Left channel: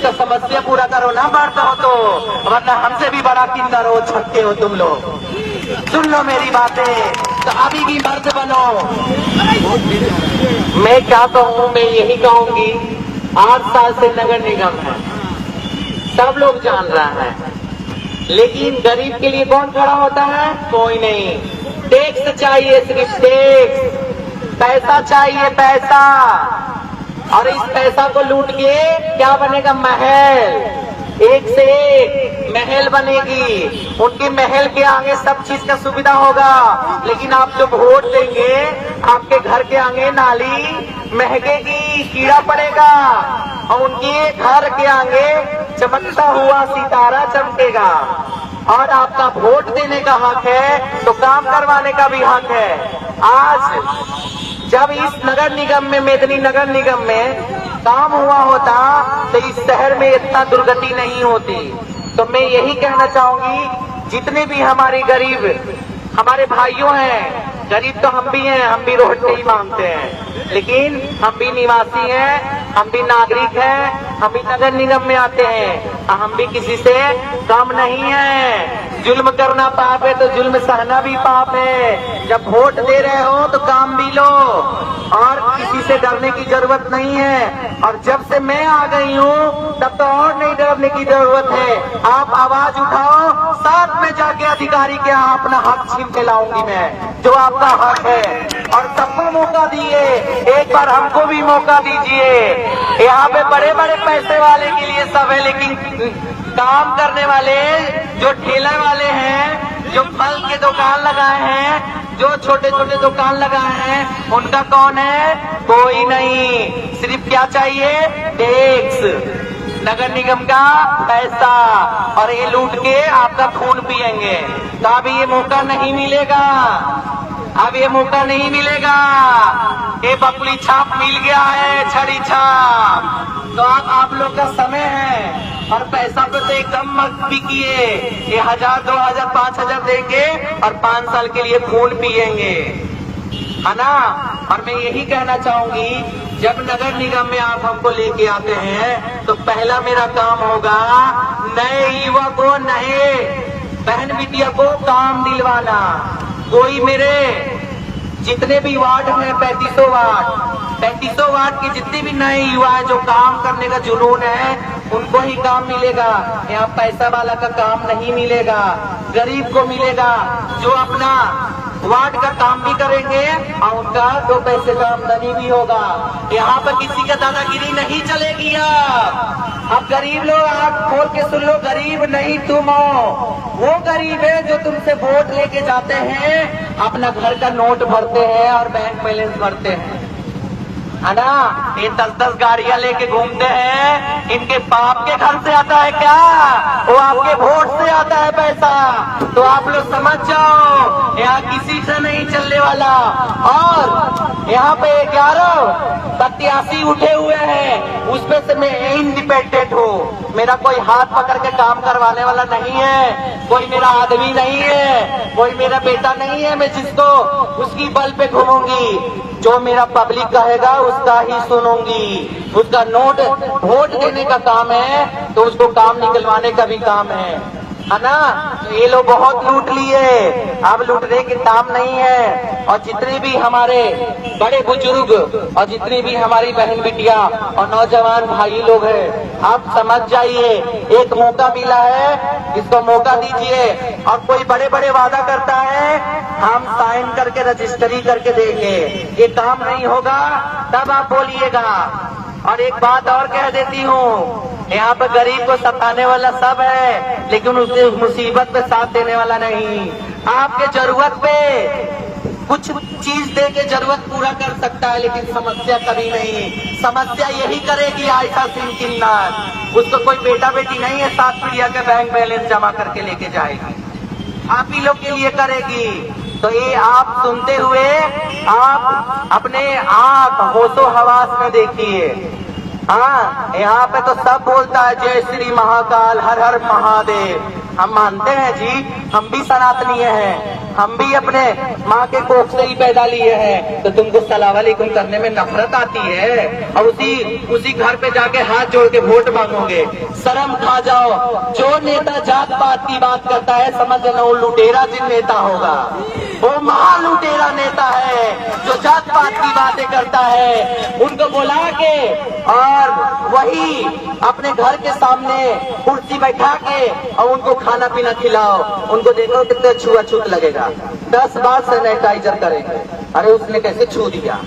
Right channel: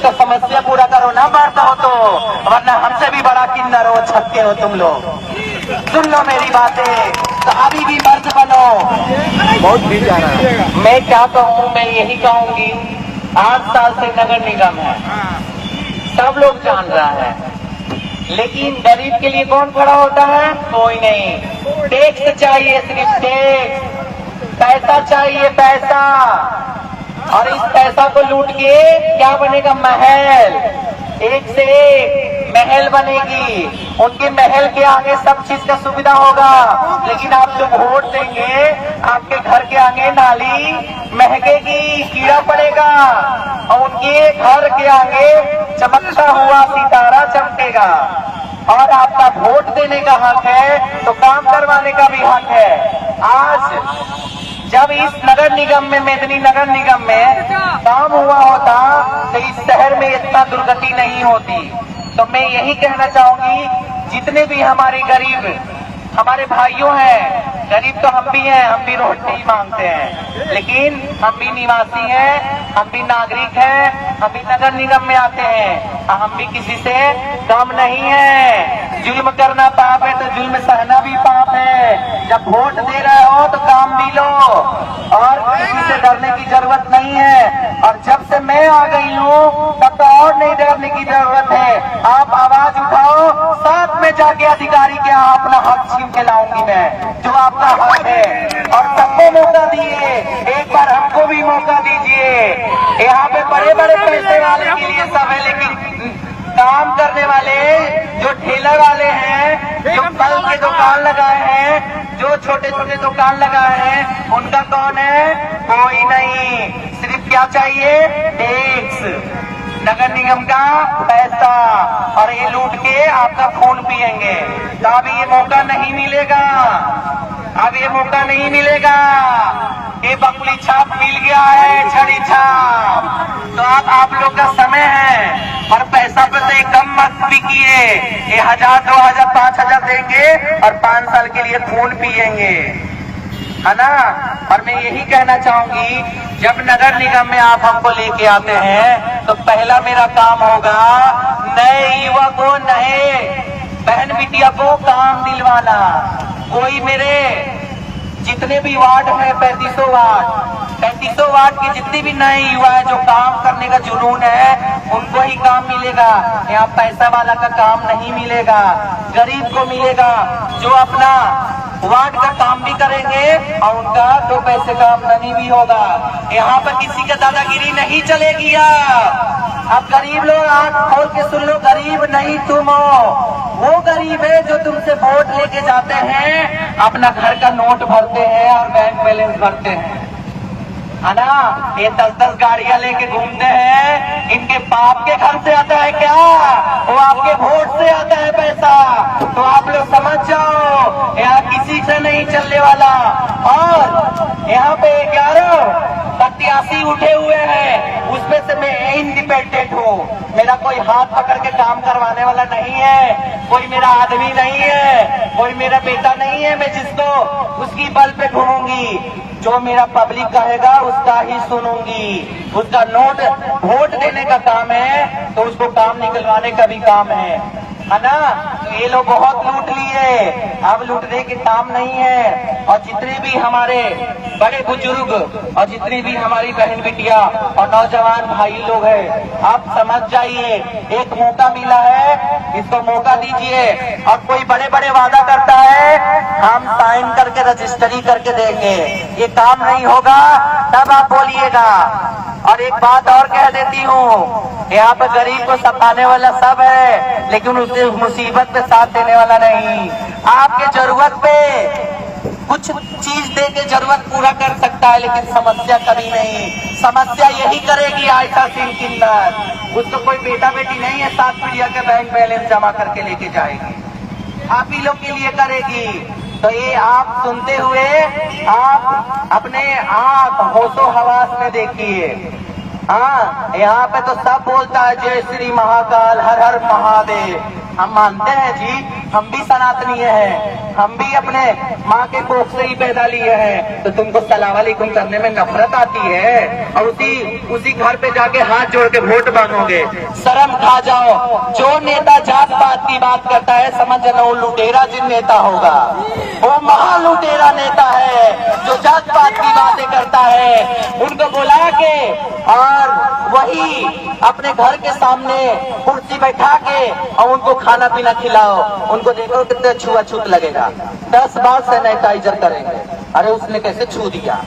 उसका समस्या पूरा करो ना बढ़ता हो तो, वरना हमसे भी बड़ा किन्नर हो, छक्के हो तुम लोग। सुन लो मेरी बातें, तो अभी भी मर्द बनो। मैं क्या कहूँ, मैं यही कहूंगी, 8 साल से नगर निगम है, सब लोग जान रहा है, लेकिन गरीब के लिए कौन खड़ा होता है? कोई नहीं। टैक्स चाहिए, सिर्फ टैक्स, पैसा चाहिए, पैसा। और इस पैसा को लूट के क्या बनेगा? महल, एक से एक महल बनेगी। उनके महल के आगे सब चीज का सुविधा होगा, लेकिन आप जो वोट देंगे, आपके घर के आगे नाली महकेगी, कीड़ा पड़ेगा, और उनके घर के आगे चमकता हुआ सितारा चमकेगा। और आपका वोट देने का हक है, तो काम करवाने का भी हक है। आज जब इस नगर निगम में, मेदिनी नगर निगम में काम हुआ होता, तो इस शहर में इतना दुर्गति नहीं होती। तो मैं यही कहना चाहूंगी, जितने भी हमारे गरीब हमारे भाइयों हैं, गरीब तो हम भी हैं, हम भी रोटी ही मांगते हैं, लेकिन हम भी निवासी हैं, हम भी नागरिक हैं, हम भी नगर निगम में आते हैं, हम भी किसी से कम नहीं है। जुल्म करना पाप है तो जुल्म सहना भी पाप है। जब वोट दे रहे हो तो काम भी लो, और किसी से डरने की जरूरत नहीं है। और जब से मैं आ गई हूँ, तब तो और नहीं डरने की जरूरत है। आप आवाज उठाओ, साथ में जाके अधिकारी के यहाँ अपना हक छीन के लाऊंगी मैं, जो आपका हक है। और सबको मौका दिए, एक बार हमको भी मौका दीजिए। यहाँ पे बड़े बड़े पैसे वाले के लिए सब है, लेकिन काम करने वाले, जो ठेला वाले हैं, जो फल के दुकान लगाए हैं, जो छोटे छोटे दुकान लगाए हैं, उनका कौन है? कोई नहीं। सिर्फ क्या चाहिए? टैक्स, नगर निगम का पैसा, और ये लूट के आपका खून पिएंगे। तो अब ये मौका नहीं मिलेगा, अब ये मौका नहीं मिलेगा। ये बकुली छाप मिल गया है, छड़ी छाप। तो अब आप लोग का समय है, और पैसा पे तो कम मत बिकिए। ये 1000, 2000, 5000 देके और 5 साल के लिए खून पिएंगे, है ना। और मैं यही कहना चाहूंगी, जब नगर निगम में आप हमको लेके आते हैं, तो पहला मेरा काम होगा नए युवक को, नए बहन बिटिया को काम दिलवाना। कोई मेरे जितने भी वार्ड हैं, 3500 वार्ड के जितने भी नए युवा है, जो काम करने का जुनून है, उनको ही काम मिलेगा। यहाँ पैसा वाला का काम नहीं मिलेगा, गरीब को मिलेगा, जो अपना वार्ड का काम भी करेंगे और उनका 2 पैसे का आमदनी भी होगा। यहाँ पर किसी का दादागिरी नहीं चलेगी। अब गरीब लोग आंख खोल के सुन लो, गरीब नहीं तुम हो, वो गरीब है जो तुमसे वोट लेके जाते हैं, अपना घर का नोट भरते हैं और बैंक बैलेंस भरते हैं, है ना। ये 10-10 गाड़ियां लेके घूमते हैं, इनके बाप के घर से आता है क्या? वो आपके वोट से आता है पैसा। तो आप लोग समझ जाओ, यहाँ किसी से नहीं चलने वाला। और यहाँ पे 11 प्रत्याशी उठे हुए हैं, उसमें से मैं इंडिपेंडेंट हूँ। मेरा कोई हाथ पकड़ के काम करवाने वाला नहीं है, कोई मेरा आदमी नहीं है, कोई मेरा बेटा नहीं है, मैं जिसको उसकी बल पे घूमूंगी। जो मेरा पब्लिक कहेगा उसका ही सुनूंगी। उसका नोट वोट देने का काम है, तो उसको काम निकलवाने का भी काम है ना। तो ये लोग बहुत लूट लिए, अब लूटने के काम नहीं है। और जितने भी हमारे बड़े बुजुर्ग और जितनी भी हमारी बहन बिटिया और नौजवान भाई लोग हैं, आप समझ जाइए, एक मौका मिला है, इसको मौका दीजिए। और कोई बड़े बड़े वादा करता है, हम साइन करके रजिस्ट्री करके देंगे, ये काम नहीं होगा, तब आप बोलिएगा। और एक बात और कह देती हूँ, यहाँ पे गरीब को सताने वाला सब है, लेकिन उसे मुसीबत पे साथ देने वाला नहीं। आपके जरूरत पे कुछ चीज दे के जरूरत पूरा कर सकता है, लेकिन समस्या कभी नहीं। समस्या यही करेगी आयशा सिंह किन्नर। उसको कोई बेटा बेटी नहीं है, 7 पीढ़िया के बैंक बैलेंस जमा करके लेके जाएगी, आप ही लोग के लिए करेगी। तो ये आप सुनते हुए आप अपने आंख होशो हवास में देखिए। हाँ, यहाँ पे तो सब बोलता है जय श्री महाकाल, हर हर महादेव। हम मानते हैं जी, हम भी सनातनीय हैं, हम भी अपने माँ के कोख से ही पैदा लिए हैं, तो तुमको सलाम वालेकुम करने में नफरत आती है और उसी घर पे जाके हाथ जोड़ के वोट मांगोगे। शर्म खा जाओ। जो नेता जात पात की बात करता है, समझ जाना वो लुटेरा जिन नेता होगा, वो महा लुटेरा नेता है जो जात पात की बातें करता है। उनको बुला के और वही अपने घर के सामने कुर्सी बैठा के और उनको खाना पीना खिलाओ, उनको देखो कितने छुआछूत लगेगा, 10 बार सैनिटाइजर करेंगे। अरे उसने कैसे छू दिया?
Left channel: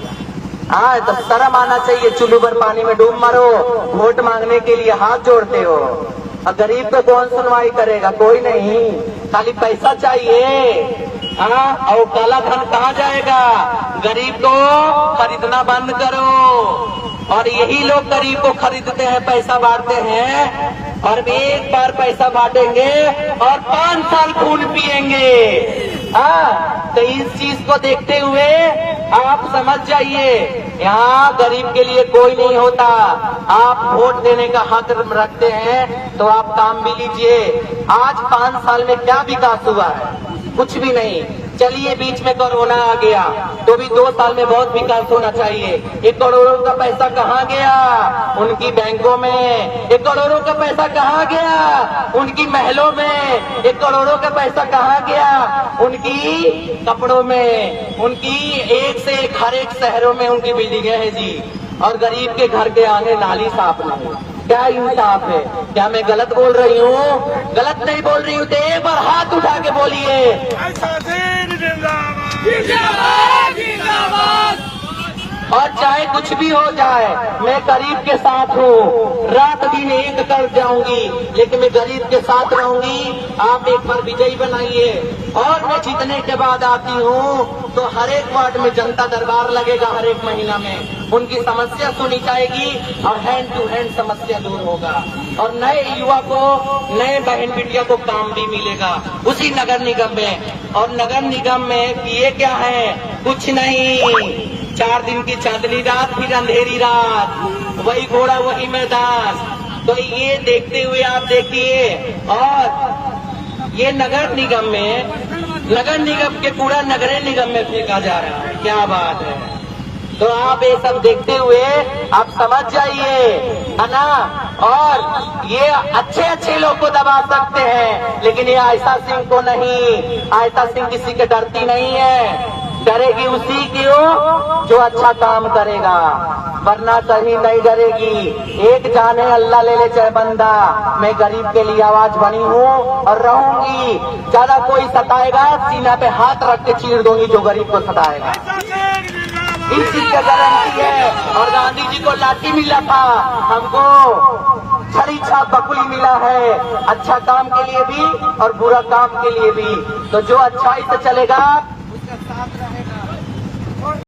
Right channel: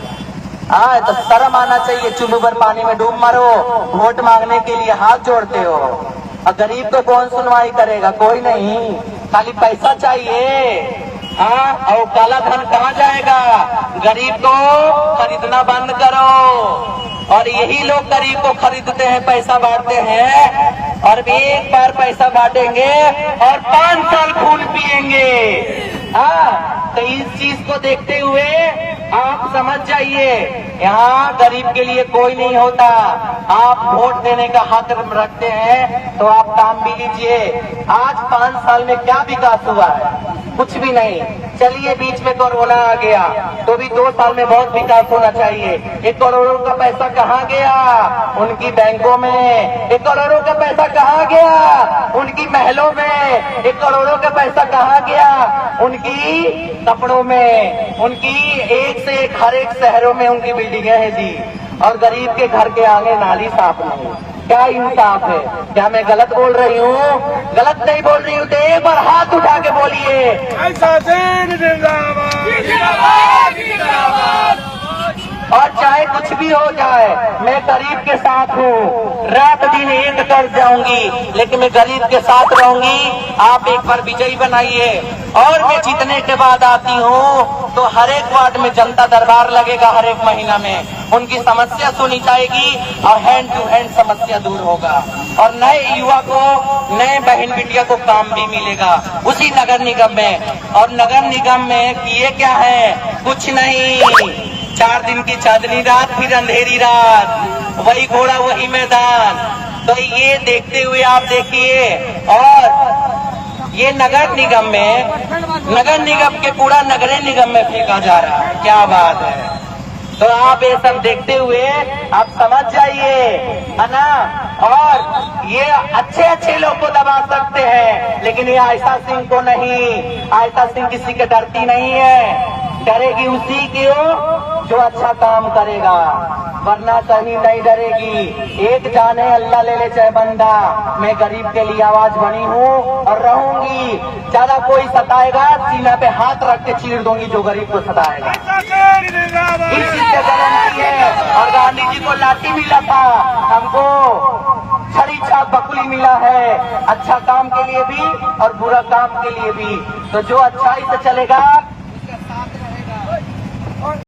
तो शर्म आना चाहिए। चुल्लू भर पानी में डूब मरो, वोट मांगने के लिए हाथ जोड़ते हो। और गरीब को कौन सुनवाई करेगा? कोई नहीं, खाली पैसा चाहिए। और काला धन कहाँ जाएगा? गरीब को खरीदना बंद करो। और यही लोग गरीब को खरीदते हैं, पैसा बांटते हैं, और एक बार पैसा बांटेंगे और 5 साल खून पिएंगे। तो इस चीज को देखते हुए आप समझ जाइए, यहाँ गरीब के लिए कोई नहीं होता। आप वोट देने का हक रखते हैं तो आप काम भी लीजिए। आज 5 साल में क्या विकास हुआ है? कुछ भी नहीं। चलिए बीच में कोरोना आ गया, तो भी 2 साल में बहुत विकास होना चाहिए। 1 करोड़ों का पैसा कहाँ गया? उनकी बैंकों में। 1 करोड़ों का पैसा कहाँ गया? उनकी महलों में। 1 करोड़ों का पैसा कहाँ गया? उनकी कपड़ों में। उनकी एक से एक हर एक शहरों में उनकी बिल्डिंगें हैं जी, और गरीब के घर के आगे नाली साफ नहीं। क्या इंसाफ है? क्या मैं गलत बोल रही हूँ? गलत नहीं बोल रही हूँ तो एक बार हाथ उठा के बोलिए। और चाहे कुछ भी हो जाए, मैं गरीब के साथ हूँ। रात दिन एक कर जाऊंगी, लेकिन मैं गरीब के साथ रहूंगी। आप एक बार विजयी बनाइए। और मैं जीतने के बाद आती हूँ तो हर एक वार्ड में जनता दरबार लगेगा, हर एक महीना में उनकी समस्या सुनी जाएगी और हैंड टू हैंड समस्या दूर होगा। और नए युवा को, नए बहन बिटिया को काम भी मिलेगा उसी नगर निगम में। और नगर निगम में किए क्या है? कुछ नहीं। 4 दिन की चांदनी रात, फिर अंधेरी रात, वही घोड़ा वही मैदान। तो ये देखते हुए आप देखिए। और ये नगर निगम में, नगर निगम के कूड़ा नगर निगम में फेंका जा रहा है। क्या बात है? तो आप ये सब देखते हुए आप समझ जाइए, है ना। और ये अच्छे अच्छे लोग को दबा सकते हैं, लेकिन ये आयशा सिंह को नहीं। आयशा सिंह किसी के डरती नहीं है, डरेगी उसी की जो अच्छा काम करेगा, वरना कहीं नहीं डरेगी। एक जाने अल्लाह ले ले चाहे बंदा, मैं गरीब के लिए आवाज बनी हूँ और रहूंगी। ज्यादा कोई सताएगा, सीना पे हाथ रख के चीर दूंगी जो गरीब को सताएगा। इस चीज से गारंटी है। और गांधी जी को लाठी मिला था, हमको छड़ी छाप बकुली मिला है, अच्छा काम के लिए भी और बुरा काम के लिए भी। तो जो अच्छाई से चलेगा